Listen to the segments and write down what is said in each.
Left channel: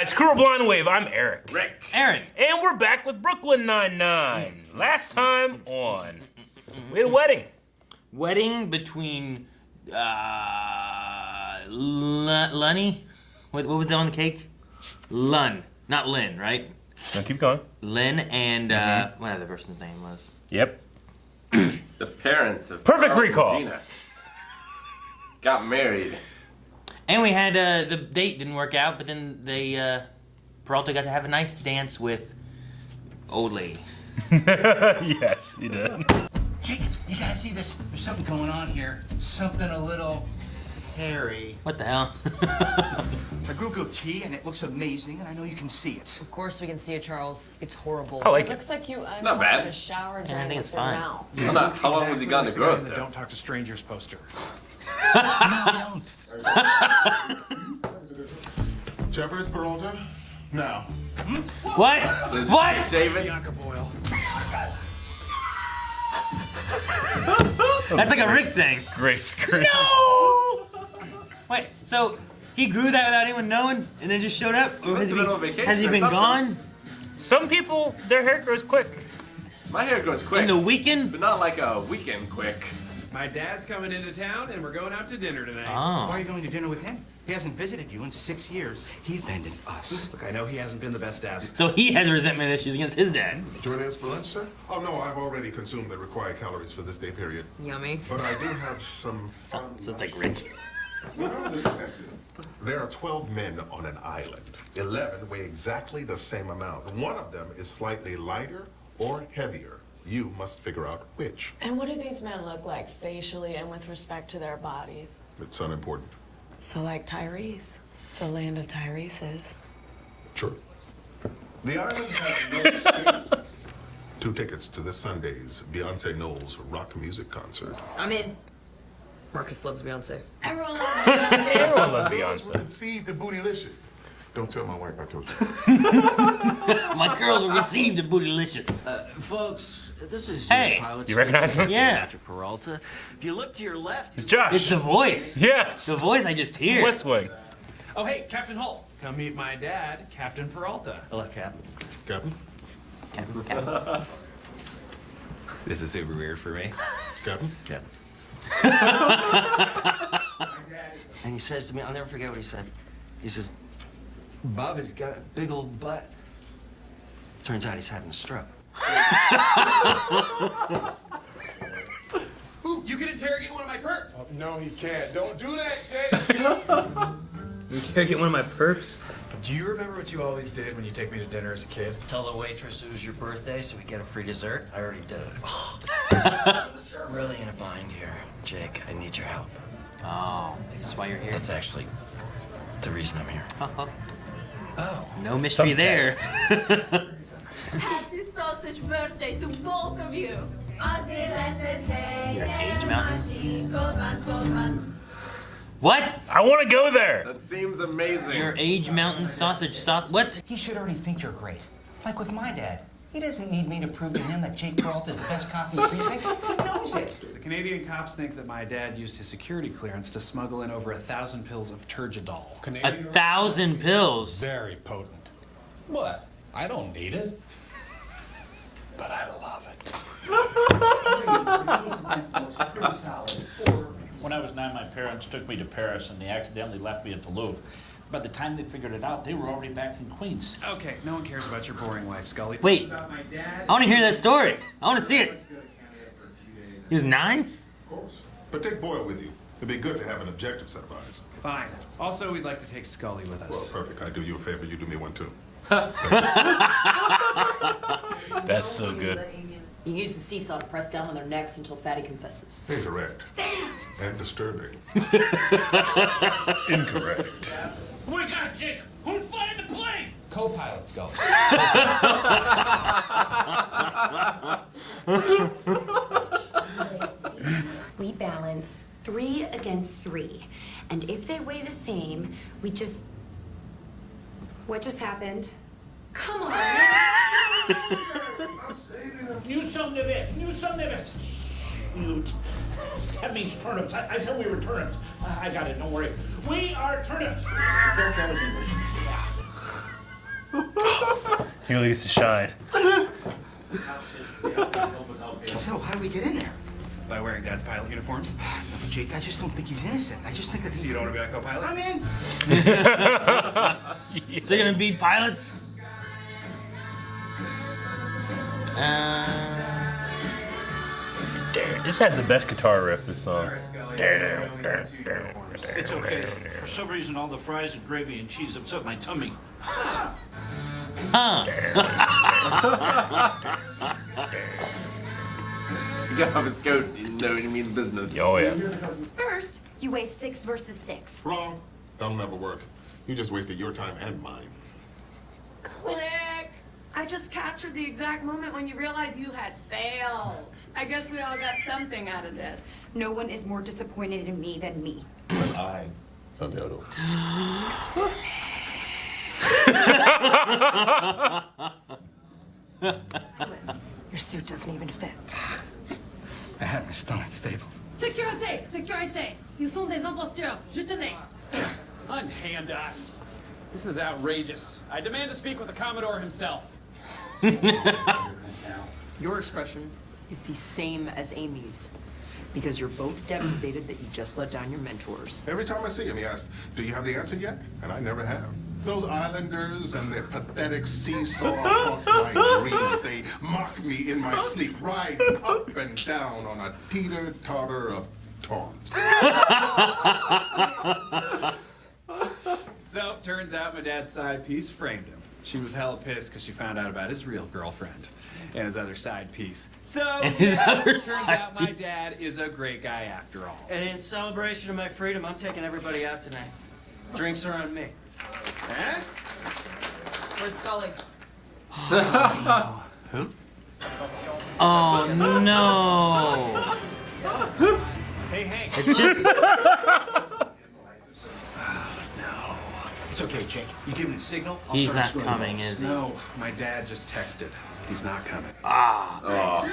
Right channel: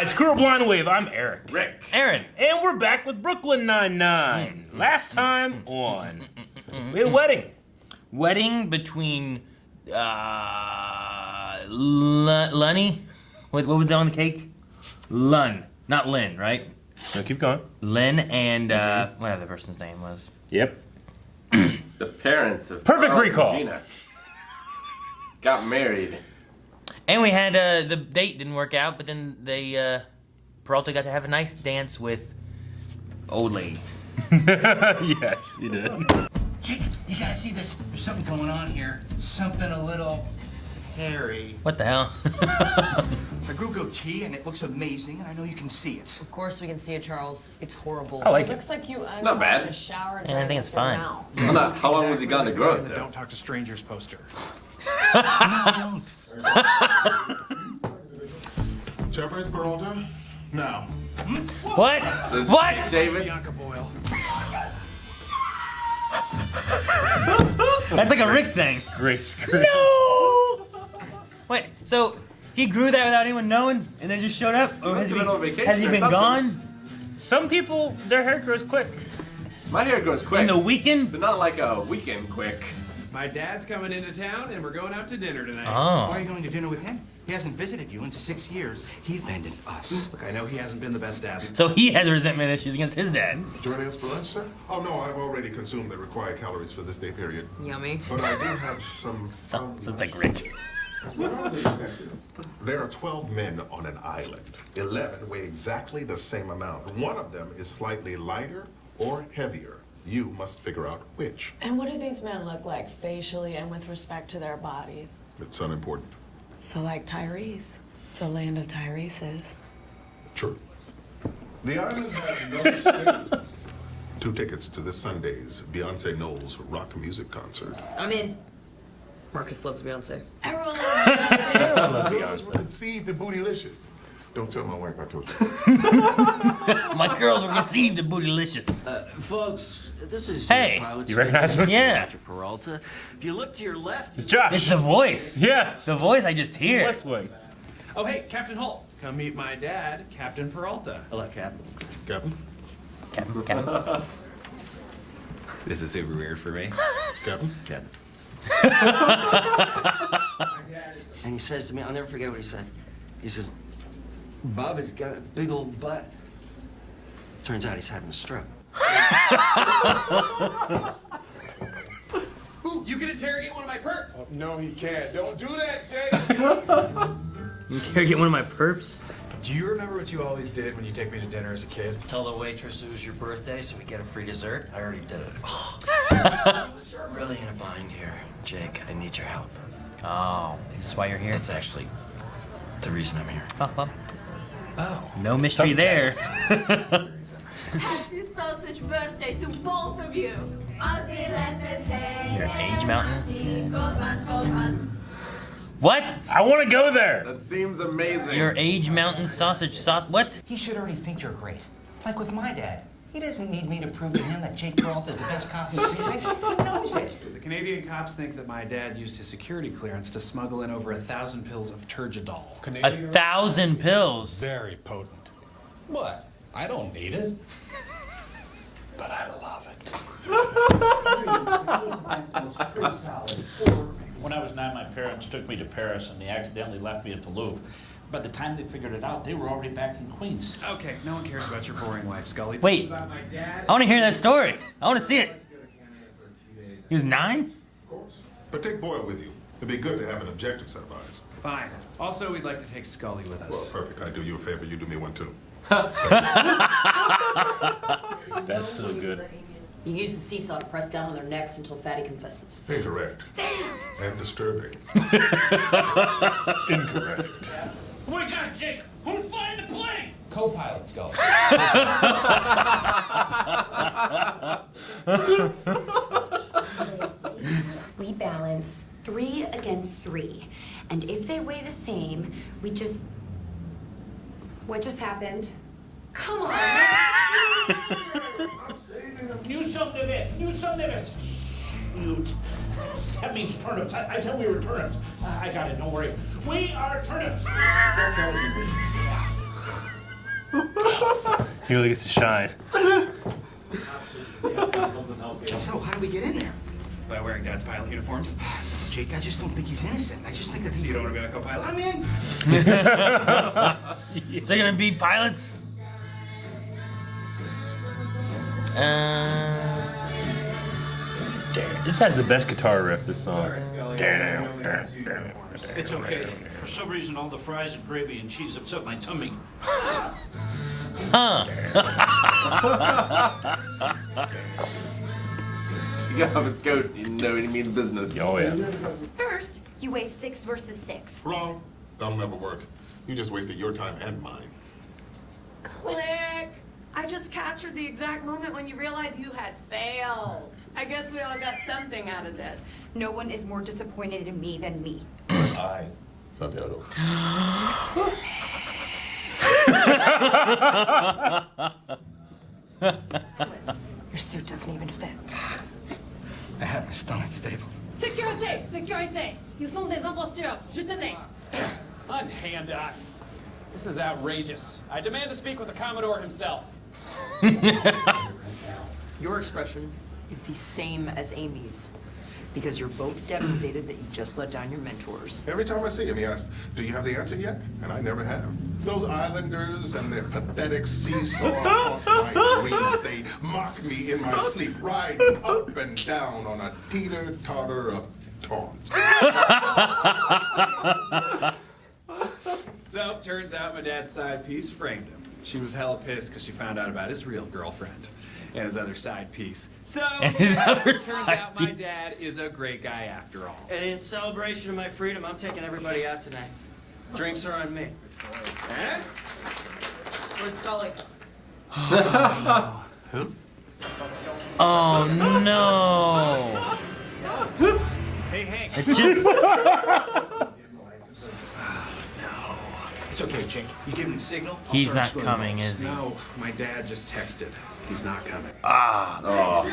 guys, Crew Blind Wave, I'm Eric. Rick. Aaron. And we're back with Brooklyn Nine-Nine. Last time on, we had a wedding. Wedding between, Lunny? What was that on the cake? Lun, not Lynn, right? No, keep going. Lynn and, whatever the person's name was. Yep. The parents of Perfect Charles and recall. Gina got married. And we had, the date didn't work out, but then they, Peralta got to have a nice dance with old lady. Yes, he did. Jake, you gotta see this. There's something going on here. Something a little hairy. What the hell? I grew a goatee and it looks amazing, and I know you can see it. Of course we can see it, Charles. It's horrible. I like It looks like you bad. unclogged a shower I drain think with it's your fine. mouth. How long was he gone to grow it? The Don't Talk to Strangers poster. No, I don't. Jeffers, Peralta? Now. What? What? David? Bianca Boyle. That's like a Rick thing. Great screen. No! Wait, so he grew that without anyone knowing and then just showed up? Or Must has he have been on vacation has he or been something. gone? Some people, their hair grows quick. My hair grows quick, In the weekend? but not like a weekend quick. My dad's coming into town, and we're going out to dinner tonight. Oh. Why are you going to dinner with him? He hasn't visited you in 6 years. He abandoned us. Look, I know he hasn't been the best dad. So he has resentment issues against his dad. Joining us for lunch, sir? Oh, no, I've already consumed the required calories for this day period. Yummy. But I do have some... So it's like Rick. There are 12 men on an island. 11 weigh exactly the same amount. One of them is slightly lighter or heavier. You must figure out which. And what do these men look like facially and with respect to their bodies? It's unimportant. So like Tyrese. The land of Tyrese's. Sure. The island has no station. 2 tickets to this Sunday's Beyonce Knowles rock music concert. I'm in. Marcus loves Beyonce. Everyone loves Beyonce. Let's be honest. Girls were conceived in bootylicious. Don't tell my wife I told you. My girls were conceived in bootylicious. Folks, this is Hey, your pilot. you recognize him? Yeah. Dr. Peralta. If you look to your left, It's Josh. It's the voice. Yeah. It's the voice I just hear. West Wing. Oh, hey, Captain Holt. Come meet my dad, Captain Peralta. hello, Captain. Captain? Captain. This is super weird for me. Captain? Captain. And he says to me, I'll never forget what he said. He says, Bob has got a big old butt. Turns out he's having a stroke. Ooh, you can interrogate one of my perps. No, he can't. Don't do that, Jake. Can I get one of my perps? Do you remember what you always did when you take me to dinner as a kid? Tell the waitress it was your birthday so we get a free dessert. I already did it. I'm really in a bind here, Jake. I need your help. Oh, that's why you're here. That's actually the reason I'm here. Oh, no mystery there. Happy sausage birthday to both of you. Age Mountain. What? I want to go there. That seems amazing. Your Age Mountain sausage sauce? What? He should already think you're great. Like with my dad. He doesn't need me to prove to him that Jake Peralta is the best cop in the precinct. He knows it. The Canadian cops think that my dad used his security clearance to smuggle in over 1,000 pills of turgidol. 1,000 pills. Very potent. What? I don't need it. But I love it. When I was 9, my parents took me to Paris and they accidentally left me at the Louvre. By the time they figured it out, they were already back in Queens. Okay, no one cares about your boring life, Scully. This Wait. is about my dad. I want to hear this story. I want to see it. He was 9? Of course. But take Boyle with you. It'd be good to have an objective set of eyes. Fine. Also, we'd like to take Scully with Well, us. perfect. I do you a favor. You do me one, too. That's so good. You use the seesaw to press down on their necks until Fatty confesses. Incorrect. And disturbing. Incorrect. Oh my God, Jake! Who's flying the plane? Co-pilot Scully. We balance 3 against 3. And if they weigh the same, we just... What just happened? Come on, man. New some of it. New some of it. Shoot. That means turnips. I said we were turnips. I got it. Don't worry. We are turnips. That was English. He really gets to shine. So, how do we get in there? By wearing Dad's pilot uniforms. No, Jake, I just don't think he's innocent. I just think that he's... You don't want to be my co-pilot? I'm in. Is there gonna be pilots? This has the best guitar riff, this song. It's okay. For some reason, all the fries and gravy and cheese upset my tummy. You get off his coat, you know you mean business. Oh, yeah. First, you weigh 6 versus 6. Wrong. That'll never work. You just wasted your time and mine. Click! I just captured the exact moment when you realized you had failed. I guess we all got something out of this. No one is more disappointed in me than me. But I, Santiago. Your suit doesn't even fit. I had my stomach stapled. Sécurité! Sécurité! Ils sont des imposteurs! Jetez-les! Unhand us. This is outrageous. I demand to speak with the Commodore himself. Your expression is the same as Amy's. Because you're both devastated that you just let down your mentors. Every time I see him, he asks, "Do you have the answer yet?" And I never have. Those islanders and their pathetic seesaw haunt my dreams. They mock me in my sleep, riding up and down on a teeter-totter of taunts. So, turns out my dad's side piece framed him. She was hella pissed because she found out about his real girlfriend and his other side piece. So, turns out my dad is a great guy after all. And in celebration of my freedom, I'm taking everybody out tonight. Drinks are on me. Eh? Where's Scully? Who? Oh no! Hey, Hank. It's just It's okay, Jake. You give him the signal, I'll he's start not scoring coming, balls. is he? No, my dad just texted. He's not coming. Oh.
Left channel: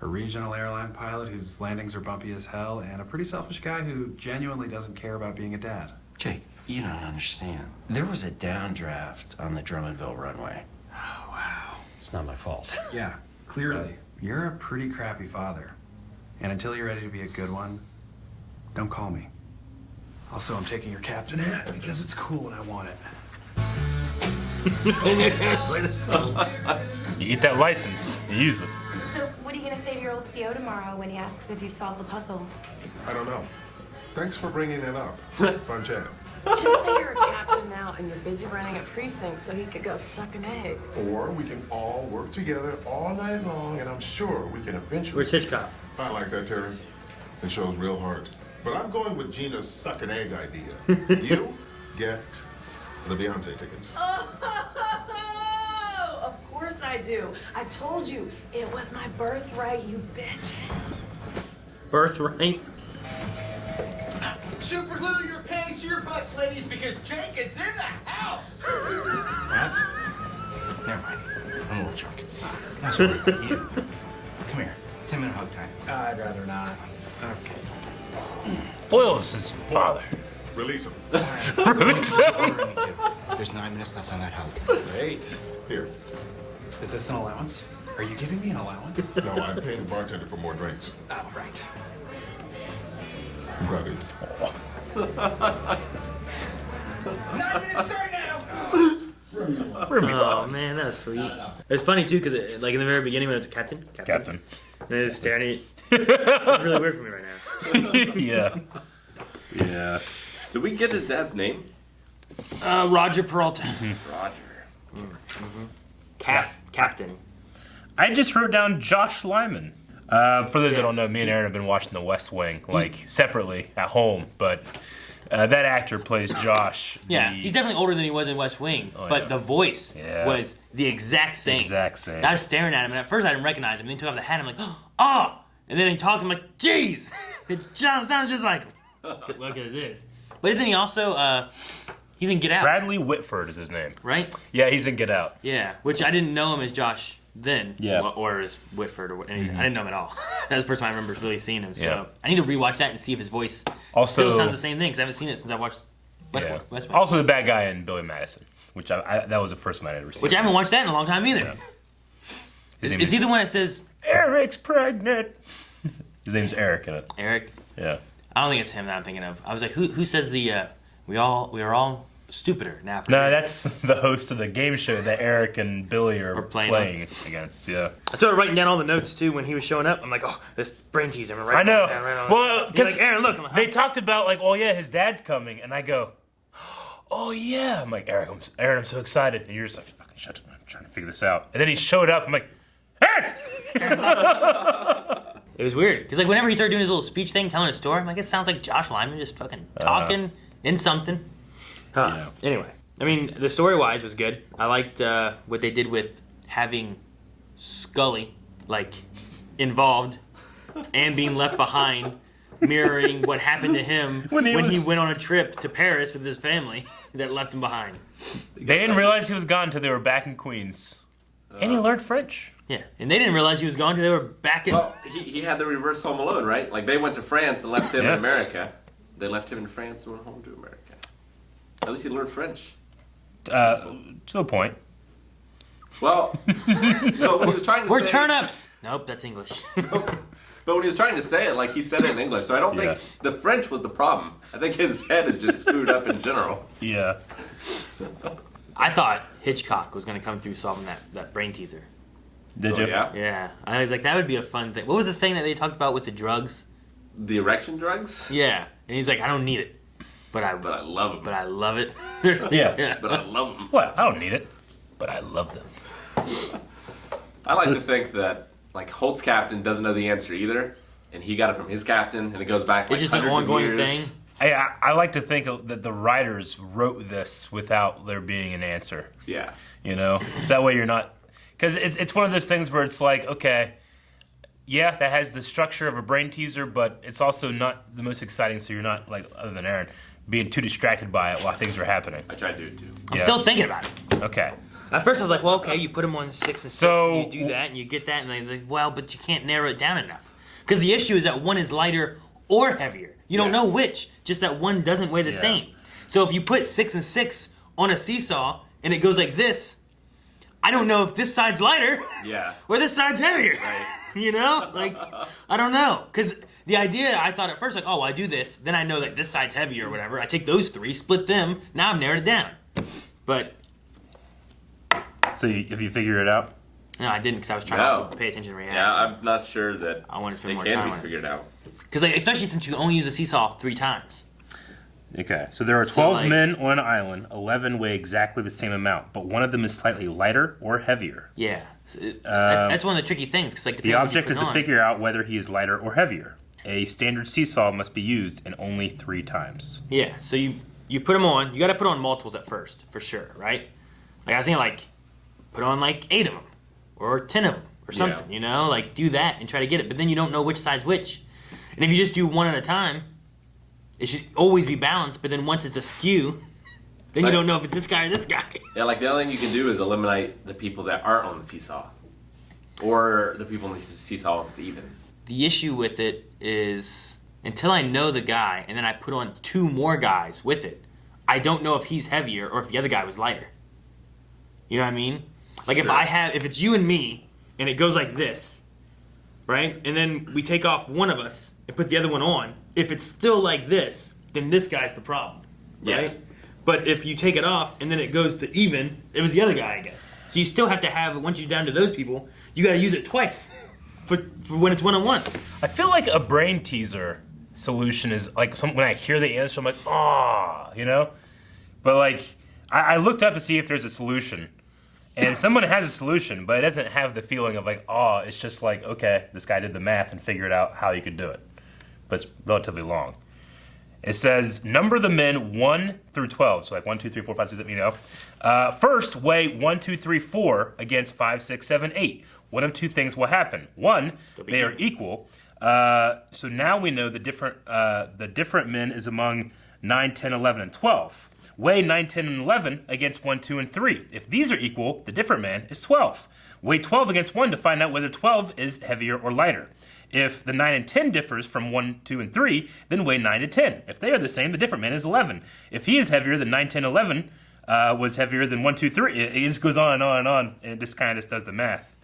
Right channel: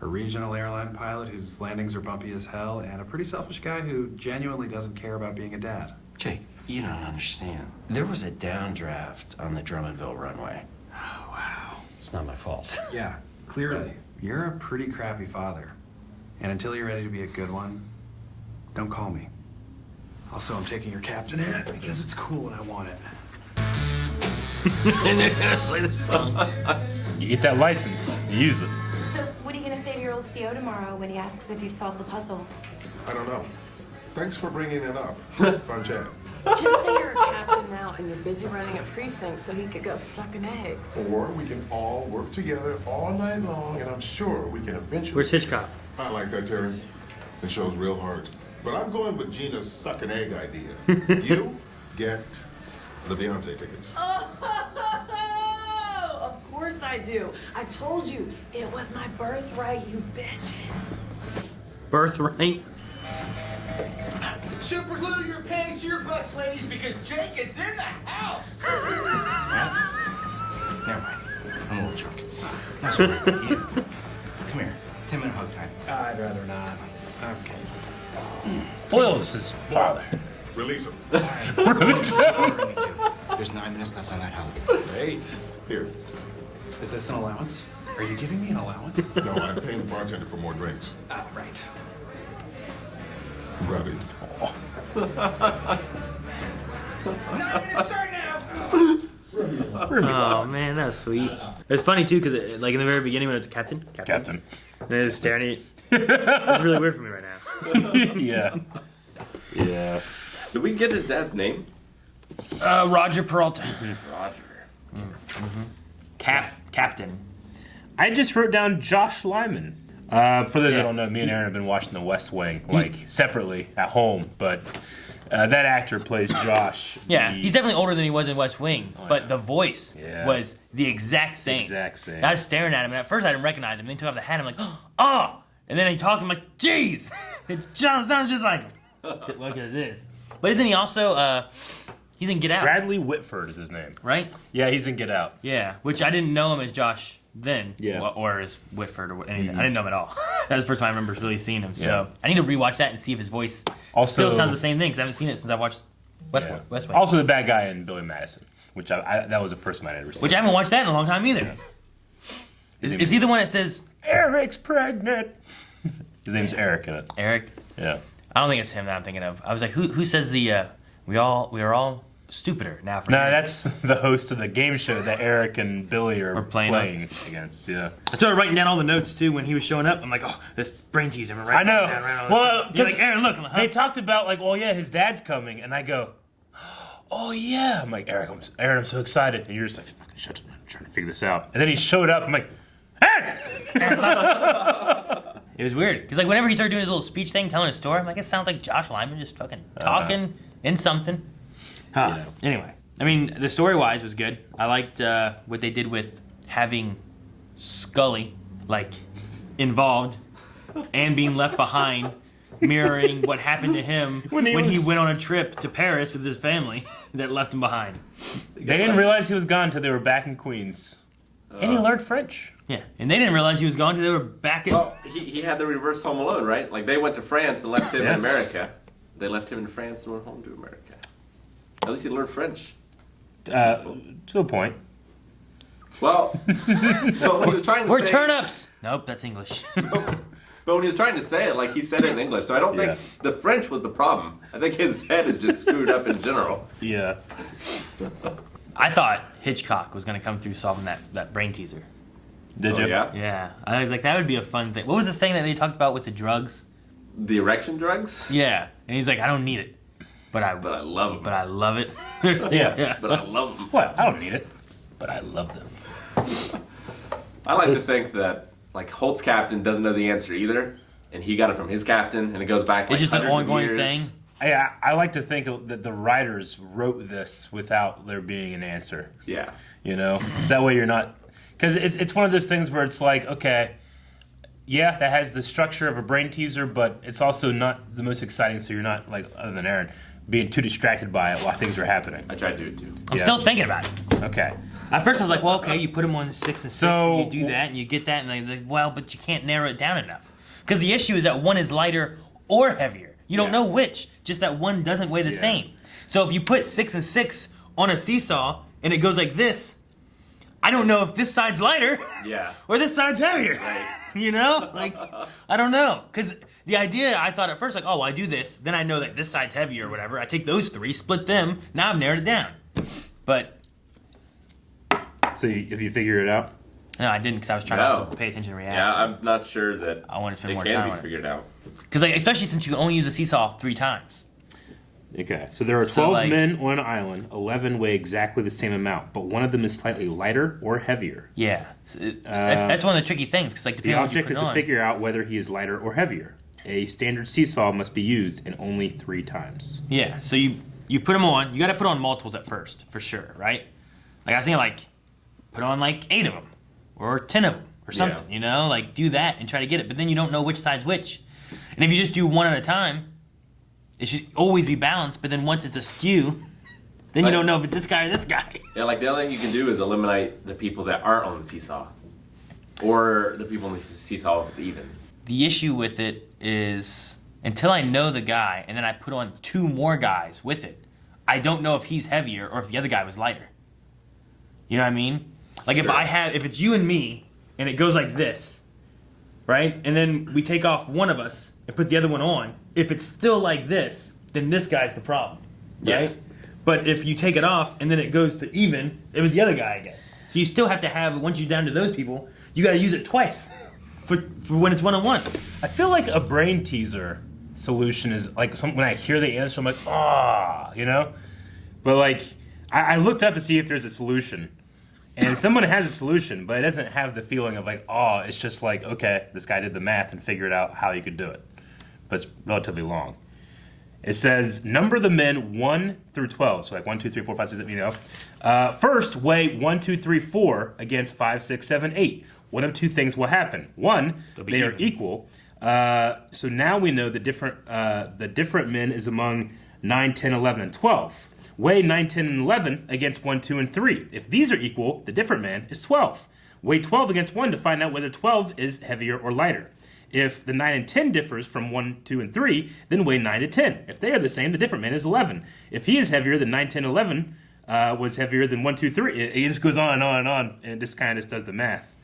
A regional airline pilot whose landings are bumpy as hell, and a pretty selfish guy who genuinely doesn't care about being a dad. Jake, you don't understand. There was a downdraft on the Drummondville runway. Oh, wow. It's not my fault. Yeah, clearly. You're a pretty crappy father. And until you're ready to be a good one, don't call me. Also, I'm taking your captain hat because it's cool and I want it. You get that license, you use it. So, what are you going to say to your old CO tomorrow when he asks if you've solved the puzzle? I don't know. Thanks for bringing it up. Fun chat. Just say you're a captain now and you're busy running a precinct so he could go suck an egg. Or we can all work together all night long, and I'm sure we can eventually... Where's Hitchcock? I like that, Terry. It shows real heart. But I'm going with Gina's suck an egg idea. You get the Beyonce tickets. Oh, of course I do. I told you, it was my birthright, you bitches. birthright. Super glue your panties to your butts, ladies, because Jake is in the house. What? Never mind. I'm a little drunk. Not so worried about you. Come here. 10-minute hug time. I'd rather not. Okay. Oils his father. Release him. All right. What you ordering me to? There's 9 minutes left on that hug. Great. Here. Is this an allowance? Are you giving me an allowance? No, I'm paying the bartender for more drinks. Oh, right. I'm proud of you. 9 minutes start now. Oh man, that was sweet. It's funny too because like in the very beginning when it's Captain, Captain. and they're just staring at you. It's really weird for me right now. Yeah. Yeah. Did we get his dad's name? Roger Peralta. Roger. Captain. I just wrote down Josh Lyman. For those that don't know, me and Aaron have been watching The West Wing, like, separately at home, but that actor plays Josh. Yeah, he's definitely older than he was in West Wing, but the voice was the exact same. Exact same. I was staring at him, and at first I didn't recognize him. Then he took off the hat, and I'm like, oh! And then he talked, I'm like, jeez! It sounds just like him. Look at this. But isn't he also, he's in Get Out? Bradley Whitford is his name. Right? Yeah, he's in Get Out. Yeah, which I didn't know him as Josh then, Yeah. or as Whitford or anything. I didn't know him at all. That was the first time I remember really seeing him. So Yeah. I need to rewatch that and see if his voice Also- still sounds the same thing because I haven't seen it since I watched West Wing. Also the bad guy in Billy Madison. which that was the first one I'd ever seen. Which I haven't watched that in a long time either. Yeah. Is he the one that says Eric's pregnant? His name's Eric in it. Eric? Yeah. I don't think it's him that I'm thinking of. I was like, who says the we are all stupider now? No, that's the host of the game show that Eric and Billy are playing against. Yeah. I started writing down all the notes too when he was showing up. I'm like, oh, this brain teaser. I know. Well, because like, Aaron, look, they talked about like, well, yeah, his dad's coming, and I go, oh yeah. I'm like, Aaron, I'm so excited, and you're just like, fucking shut up. I'm trying to figure this out. And then he showed up. I'm like, Aaron. It was weird because like whenever he started doing his little speech thing, telling his story, I'm like, it sounds like Josh Lyman just fucking talking in something. Anyway, I mean, the story-wise was good. I liked what they did with having Scully like involved and being left behind, mirroring what happened to him when he went on a trip to Paris with his family that left him behind. They didn't realize he was gone until they were back in Queens, and he learned French. Yeah, and they didn't realize he was gone until they were back in... Well, he had the reverse Home Alone, right? Like, they went to France and left him in America. They left him in France and went home to America. At least he learned French. To a point. Well, but when he was trying to We're say... turnips! Nope, that's English. But when he was trying to say it, like, he said it in English. So I don't think the French was the problem. I think his head is just screwed up in general. Yeah. I thought Hitchcock was going to come through solving that brain teaser. Did you? Yeah? Yeah. I was like, that would be a fun thing. What was the thing that they talked about with the drugs? The erection drugs? Yeah. And he's like, I don't need it. But I love them. But I love it. Yeah. But I love them. What? I don't need it, but I love them. I like to think that, like, Holt's captain doesn't know the answer either, and he got it from his captain, and it goes back like it's just an hundreds of ongoing years. thing. I like to think that the writers wrote this without there being an answer. Yeah. You know? So that way you're not... Because it's one of those things where it's like, okay, yeah, that has the structure of a brain teaser, but it's also not the most exciting, so you're not, like, other than Aaron, being too distracted by it while things are happening. I try to do it, too. I'm still thinking about it. Okay. At first I was like, well, okay, you put them on 6 and 6, So- and you do that, and you get that, and they're like, well, but you can't narrow it down enough. Because the issue is that one is lighter or heavier. You don't know which, just that one doesn't weigh the same. So if you put 6 and 6 on a seesaw, and it goes like this, I don't know if this side's lighter or this side's heavier. Right. You know? Like, I don't know. Because the idea, I thought at first, like, oh, I do this, then I know that this side's heavier or whatever. I take those 3, split them, now I've narrowed it down. But... So have you figured it out? No, I didn't because I was trying to pay attention to reaction. Yeah, I'm not sure that I want to spend it more can time be on it. figured out. Because like, especially since you can only use a seesaw 3 times. Okay, so there are 12 men on an island. 11 weigh exactly the same amount, but one of them is slightly lighter or heavier. Yeah, that's one of the tricky things. Cause like the object is to figure out whether he is lighter or heavier. A standard seesaw must be used and only 3 times. Yeah, so you put them on. You got to put on multiples at first, for sure, right? Like I was thinking, like put on like 8 of them or 10 of them or something. You know, like do that and try to get it. But then you don't know which side's which. And if you just do one at a time, it should always be balanced, but then once it's askew, then you don't know if it's this guy or this guy. Yeah, like the only thing you can do is eliminate the people that aren't on the seesaw. Or the people on the seesaw if it's even. The issue with it is, until I know the guy, and then I put on 2 more guys with it, I don't know if he's heavier or if the other guy was lighter. You know what I mean? Like if it's you and me, and it goes like this, right? And then we take off one of us and put the other one on. If it's still like this, then this guy's the problem, right? Yeah. But if you take it off and then it goes to even, it was the other guy, I guess. So you still have to have, once you're down to those people, you got to use it twice for when it's one-on-one. I feel like a brain teaser solution is like when I hear the answer, I'm like, oh, you know? But like, I looked up to see if there's a solution. And someone has a solution, but it doesn't have the feeling of like, oh, it's just like, okay, this guy did the math and figured out how he could do it. But it's relatively long. It says, number the men 1 through 12. So like 1, 2, 3, 4, 5, 6, 7, you know. First, weigh 1, 2, 3, 4 against 5, 6, 7, 8. One of 2 things will happen. 1, they are equal. So now we know the different men is among 9, 10, 11, and 12. Weigh 9, 10, and 11 against 1, 2, and 3. If these are equal, the different man is 12. Weigh 12 against 1 to find out whether 12 is heavier or lighter. If the 9 and 10 differs from 1, 2, and 3, then weigh 9 to 10. If they are the same, the different man is 11. If he is heavier than 9, 10, 11, was heavier than 1, 2, 3. It just goes on and on and on, and it just kind of just does the math.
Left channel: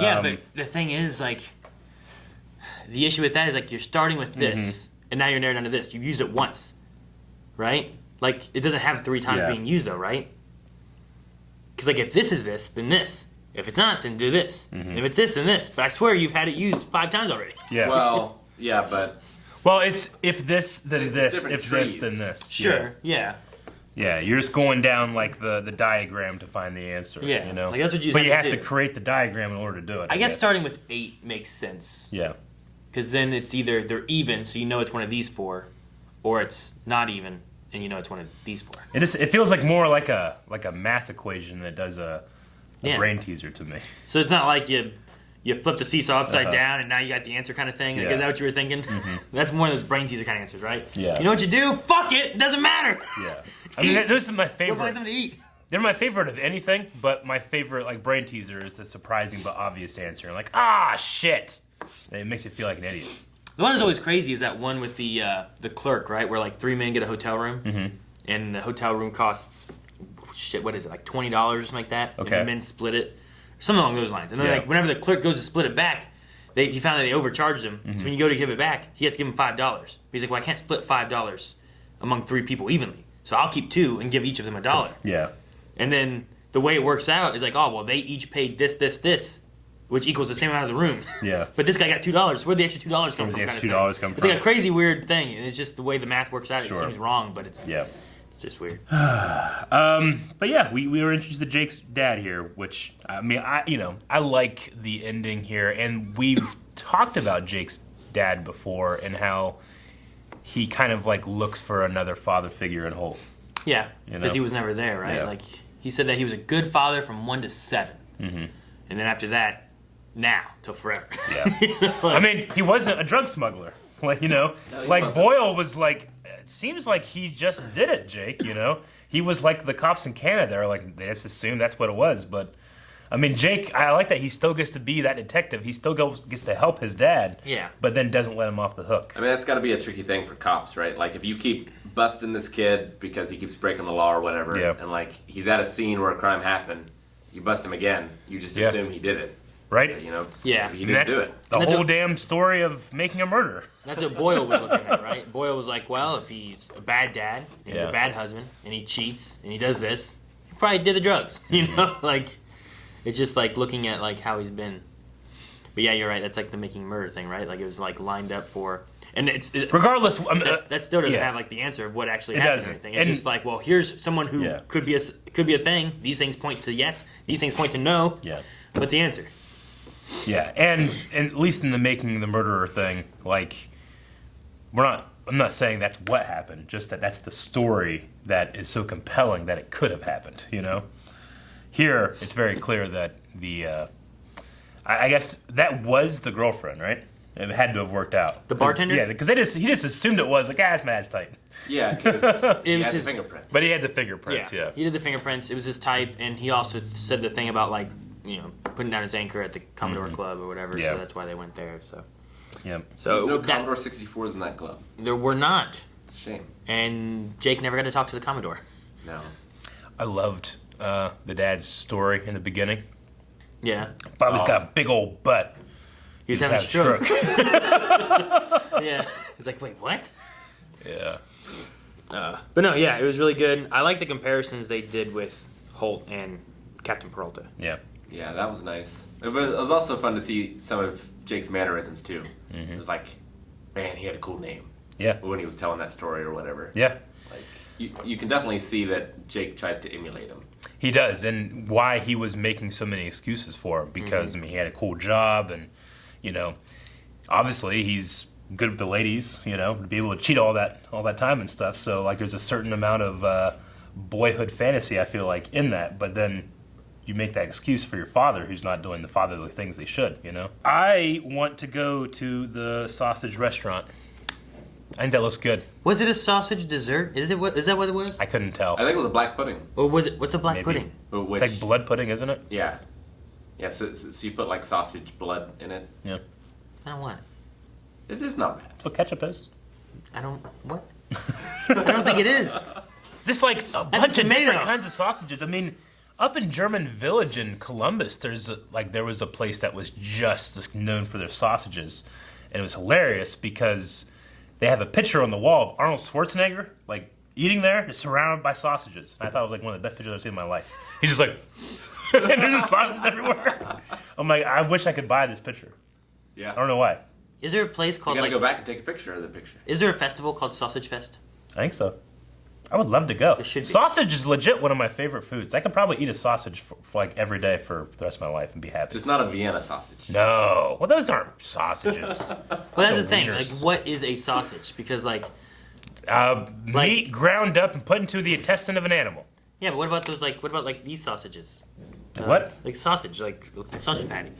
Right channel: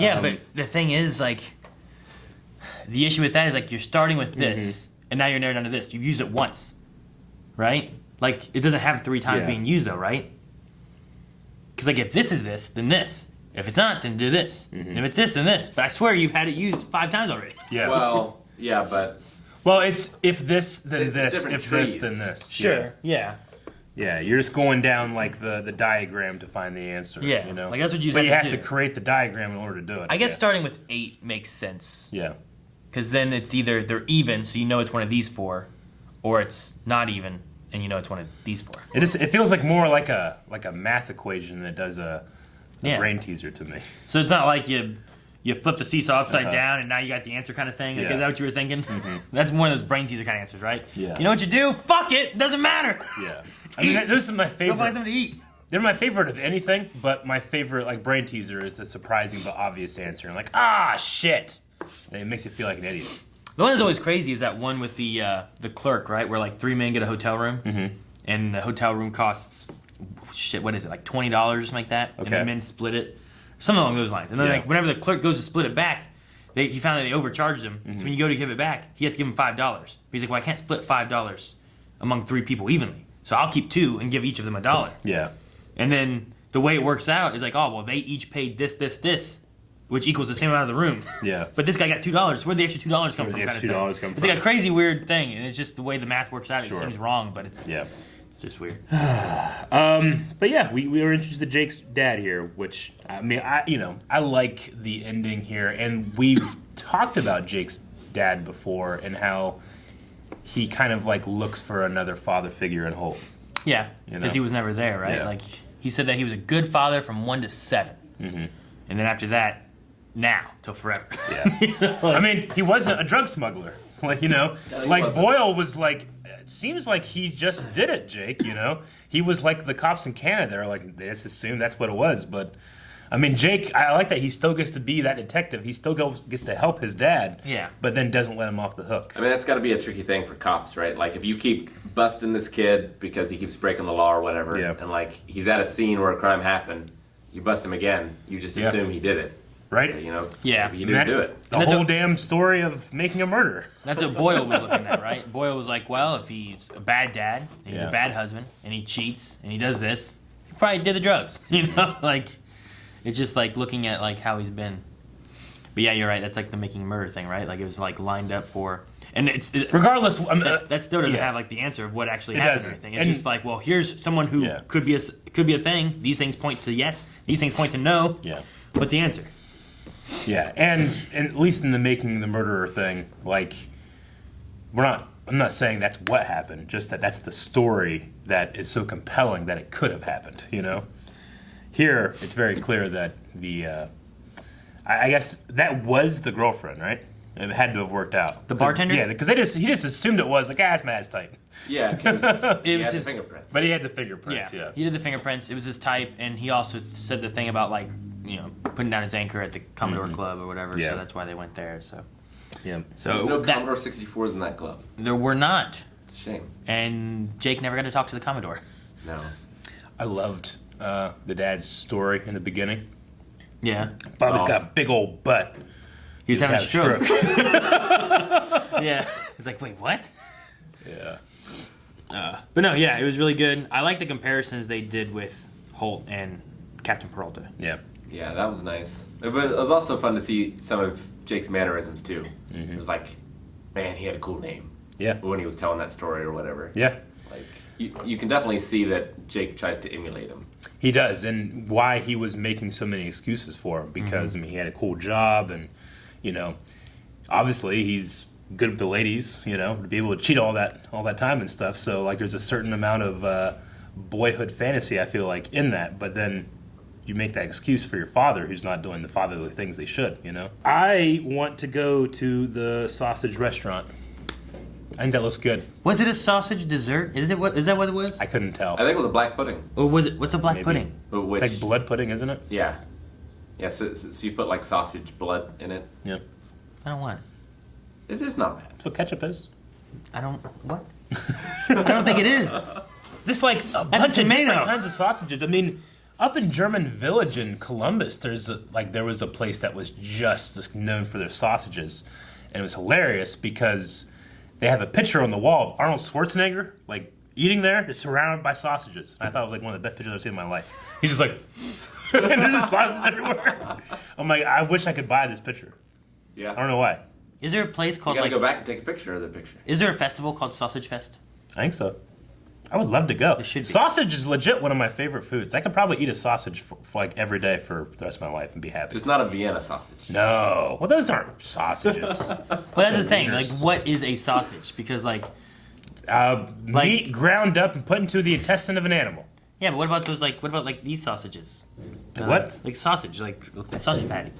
Yeah, but the thing is, like, the issue with that is, like, you're starting with this, and now you're narrowing down to this. You've used it once, right? Like, it doesn't have 3 times being used, though, right? Because, like, if this is this, then this. If it's not, then do this. And if it's this, then this. But I swear you've had it used 5 times already. Yeah. Well, yeah, but... Well, it's if this, then this. If trees. this, then this. Sure, yeah. Yeah, you're just going down, like, the diagram to find the answer. Yeah, you know? like, that's what you But have you to have do. to create the diagram in order to do it. I guess starting with 8 makes sense. Yeah. Because then it's either they're even, so you know it's one of these 4, or it's not even, and you know it's one of these 4. It feels like more like a math equation than it does a brain teaser to me. So it's not like you flip the seesaw upside down and now you got the answer kind of thing. Like, Yeah. is that what you were thinking? That's one of those brain teaser kind of answers, right? Yeah. You know what you do? Fuck it. It doesn't matter. Yeah. I mean, this is my favorite. Go find something to eat. They're my favorite of anything, but my favorite, like, brain teaser is the surprising but obvious answer. And like, ah, shit. And it makes you feel like an idiot. The one that's always crazy is that one with the clerk, right? Where, like, 3 men get a hotel room, and the hotel room costs, shit, what is it, like $20 or something like that? Okay. And the men split it. Something along those lines. And then, like, whenever the clerk goes to split it back, he found that they overcharged him. So when you go to give it back, he has to give him $5. He's like, well, I can't split $5 among 3 people evenly. So I'll keep 2 and give each of them $1. Yeah. And then the way it works out is like, oh, well, they each paid this, which equals the same amount of the room. Yeah. But this guy got $2. Where'd the extra $2 come from? Where'd the extra kind of $2 come It's from? like a crazy, weird thing. And it's just the way the math works out. Sure. It seems wrong, but it's just weird. But yeah, we were introduced to Jake's dad here, which, I mean, I like the ending here. And we've talked about Jake's dad before and how he kind of, like, looks for another father figure in Holt. Yeah, You know? because he was never there, right? Yeah. Like, he said that he was a good father from 1 to 7. And then after that, now, till forever. Yeah. I mean, he wasn't a drug smuggler. Like, he like wasn't. Boyle was like, it seems like he just did it, Jake, He was like the cops in Canada. They're like, they just assumed that's what it was. But, I mean, Jake, I like that he still gets to be that detective. He still gets to help his dad. Yeah. But then doesn't let him off the hook. I mean, that's got to be a tricky thing for cops, right? Like, if you keep busting this kid because he keeps breaking the law or whatever, and, like, he's at a scene where a crime happened, you bust him again, you just assume he did it. Right? Yeah. He didn't do it. The whole damn story of making a murder. That's what Boyle was looking at, right? Boyle was like, well, if he's a bad dad, and he's a bad husband, and he cheats, and he does this, he probably did the drugs, Like, it's just, like, looking at, like, how he's been. But, yeah, you're right. That's, like, the making a murder thing, right? Like, it was, like, lined up for... And it's... Regardless... that still doesn't have, like, the answer of what actually happened or anything. It's just like, well, here's someone who could be a thing. These things point to yes. These things point to no. Yeah. What's the answer? Yeah, and at least in the making the murderer thing, like, I'm not saying that's what happened, just that that's the story that is so compelling that it could have happened, Here, it's very clear that I guess that was the girlfriend, right? It had to have worked out. The bartender? Yeah, because he just assumed it was, like, it's my ass type. Yeah, because he had the fingerprints. But he had the fingerprints, yeah. He did the fingerprints. It was his type, and he also said the thing about, like, putting down his anchor at the Commodore Club or whatever, so that's why they went there, so. Yeah. So there's no Commodore 64s in that club. There were not. It's a shame. And Jake never got to talk to the Commodore. No. I loved the dad's story in the beginning. Yeah. Bobby's got a big old butt. He was having a stroke. Yeah. He's like, wait, what? Yeah. But no, yeah, it was really good. I like the comparisons they did with Holt and Captain Peralta. Yeah. Yeah, that was nice. It was also fun to see some of Jake's mannerisms, too. It was like, man, he had a cool name. Yeah. When he was telling that story or whatever. Yeah. Like, you can definitely see that Jake tries to emulate him. He does, and why he was making so many excuses for it, because, I mean, he had a cool job, and, obviously he's good with the ladies, to be able to cheat all that time and stuff, so, like, there's a certain amount of boyhood fantasy, I feel like, in that, but then you make that excuse for your father who's not doing the fatherly things they should, I want to go to the sausage restaurant. I think that looks good. Was it a sausage dessert? Is that what it was? I couldn't tell. I think it was a black pudding. Or was it? What's a black pudding? Which, it's like blood pudding, isn't it? Yeah. Yeah, so you put, like, sausage blood in it. Yeah. I don't want it. It's not bad. That's what ketchup is. What? I don't think it is. Just like a bunch of tomato. different kinds of sausages. I mean, up in German Village in Columbus, there was a place that was just known for their sausages, and it was hilarious because they have a picture on the wall of Arnold Schwarzenegger like eating there, just surrounded by sausages. And I thought it was like one of the best pictures I've ever seen in my life. He's just like, and there's just sausages everywhere. I'm like, I wish I could buy this picture. Yeah. I don't know why. Is there a place called You gotta go back and take a picture of the picture. Is there a festival called Sausage Fest? I think so. I would love to go. It should be. Sausage is legit one of my favorite foods. I could probably eat a sausage for like every day for the rest of my life and be happy. Just not a Vienna sausage. No. Well, those aren't sausages. Well, that's the thing. Like, what is a sausage? Because like meat ground up and put into the intestine of an animal. Yeah, but what about those? Like, what about like these sausages? What? Like sausage, like sausage patty.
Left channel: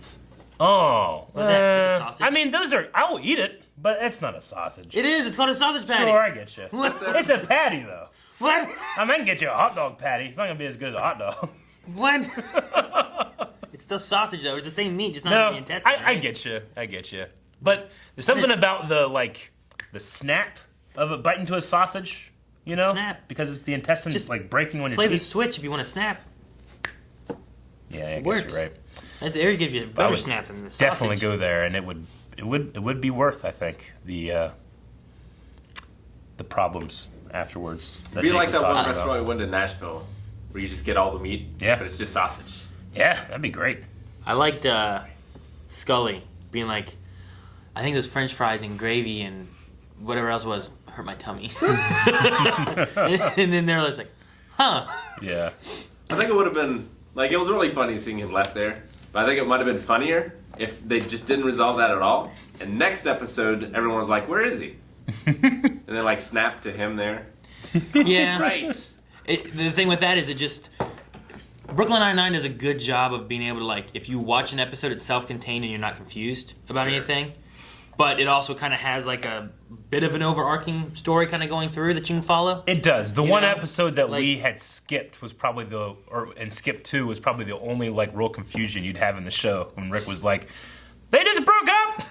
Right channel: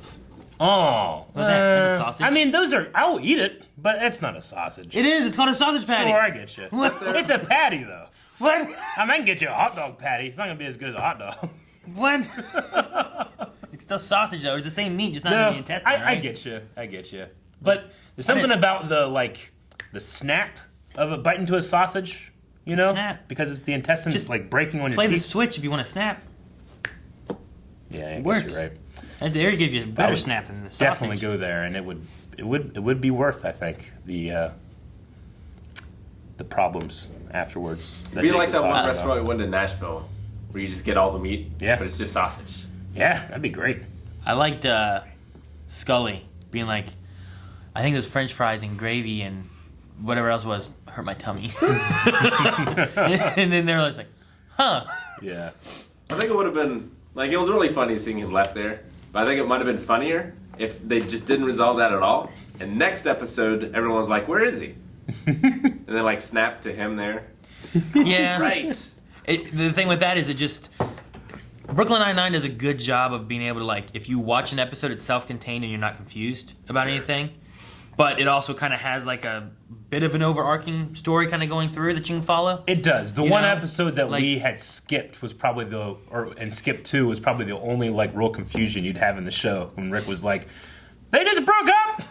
Oh, that's a sausage. I mean, those are. I will eat it, but it's not a sausage. It is. It's called a sausage patty. Sure, I get you. It's a patty, though. What? I might get you a hot dog patty. It's not gonna be as good as a hot dog. What? It's still sausage though. It's the same meat, just not No, in the intestine. I Right? get you. I get you. But there's something about the snap of a bite into a sausage. You know, Snap. because it's the intestines Just like breaking on your Play the teeth. switch if you want to snap. Yeah, I guess Works. you're right. They give you a I better would snap than the sausage. definitely go there, and it would be worth, I think, the problems afterwards. It'd be like that one restaurant we went to Nashville, where you just get all the meat, Yeah. but it's just sausage. Yeah, that'd be great. I liked Scully being like, I think those French fries and gravy and whatever else was hurt my tummy. And then they're just like, huh. Yeah. I think it would have been, like, it was really funny seeing him left there, but I think it might have been funnier if they just didn't resolve that at all. And next episode, everyone was like, where is he? And then, like, snap to him there. Yeah. Right. The thing with that is it just... Brooklyn Nine-Nine does a good job of being able to, like, if you watch an episode, it's self-contained and you're not confused about anything. But it also kind of has, like, a bit of an overarching story kind of going through that you can follow. It does. The You one know? episode that Like- we had skipped was probably and skip 2 was probably the only, like, real confusion you'd have in the show when Rick was like, they just broke up!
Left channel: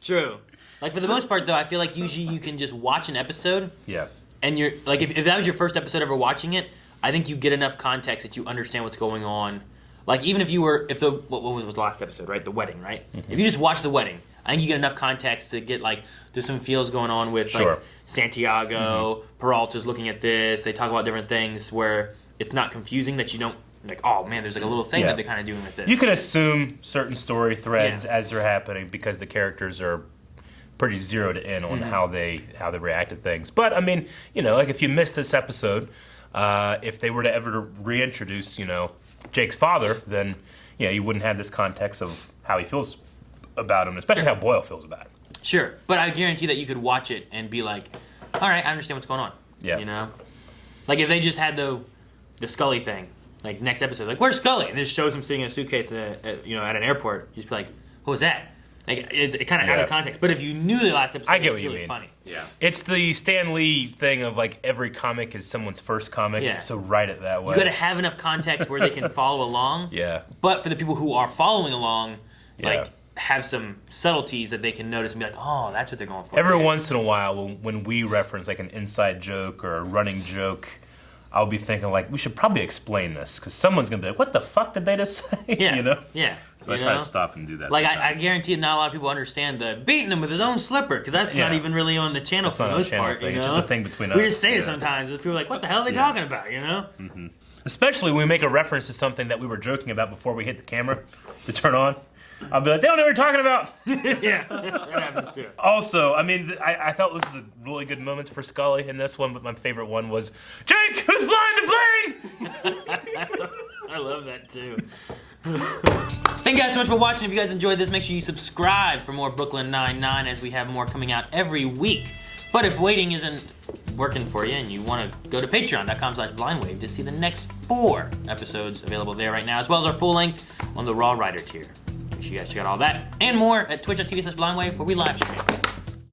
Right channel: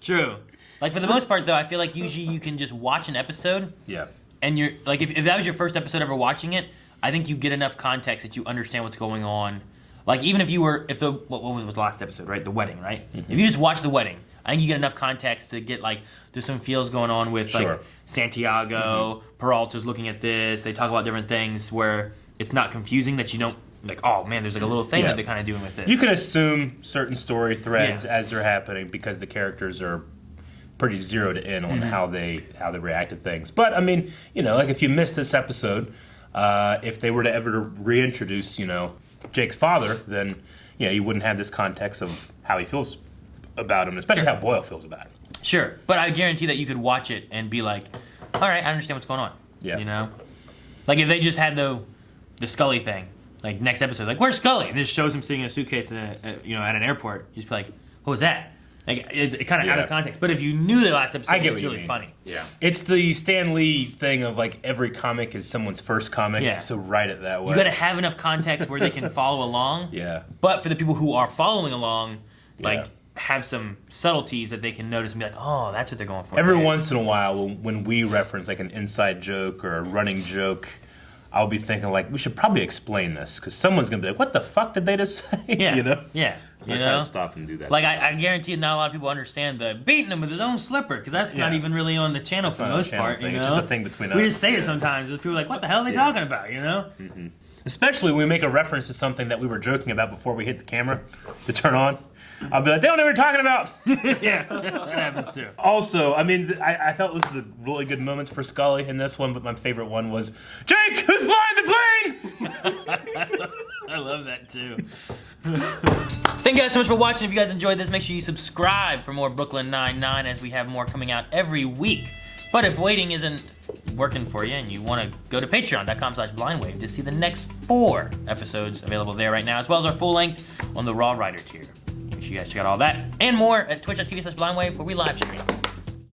True. Like, for the most part, though, I feel like usually you can just watch an episode. Yeah. And you're like, if that was your first episode ever watching it, I think you get enough context that you understand what's going on. Like, even if what was the last episode, right? The wedding, right? Mm-hmm. If you just watch the wedding, I think you get enough context to get, like, there's some feels going on with, Sure. like, Santiago, Peralta's looking at this, they talk about different things where it's not confusing that you don't, like, oh, man, there's, like, a little thing that they're kind of doing with this. You can assume certain story threads as they're happening because the characters are pretty zeroed in on how they react to things. But I mean, you know, like if you missed this episode, if they were to ever reintroduce, you know, Jake's father, then you know you wouldn't have this context of how he feels about him, especially how Boyle feels about him. Sure, but I guarantee that you could watch it and be like, all right, I understand what's going on. Yeah. You know, like if they just had the Scully thing, like next episode, like where's Scully? And it just shows him sitting in a suitcase at an airport. You'd just be like, what was that? Like it's kind of out of context. But if you knew the last episode, I get it what was you really mean. funny. Yeah. It's the Stan Lee thing of like every comic is someone's first comic, Yeah. so write it that way. You got to have enough context where they can follow along. Yeah. But for the people who are following along, like Yeah. have some subtleties that they can notice and be like, oh, that's what they're going for. Every once in a while, when we reference like an inside joke or a running joke, I'll be thinking like we should probably explain this because someone's gonna be like, "What the fuck did they just say?" Yeah. You know? Yeah. So I You kind know? of stop and do that. Like, I guarantee not a lot of people understand the beating him with his own slipper, because that's not even really on the channel for the not a most channel part. thing. You know? It's just a thing between We us. just say it sometimes. and People are like, what the hell are they talking about, you know? Especially when we make a reference to something that we were joking about before we hit the camera to turn on. I'll be like, they don't know what you're talking about. Yeah, that happens too. Also, I mean, I felt this was a really good moments for Scully in this one, but my favorite one was, Jake, who's flying the plane? I love that too. Thank you guys so much for watching. If you guys enjoyed this, make sure you subscribe for more Brooklyn Nine-Nine, as we have more coming out every week. But if waiting isn't working for you and you want to go to patreon.com/blindwave to see the next 4 episodes available there right now, as well as our full length on the Raw Rider tier. Make sure you guys check out all that and more at twitch.tv/blindwave, where we live stream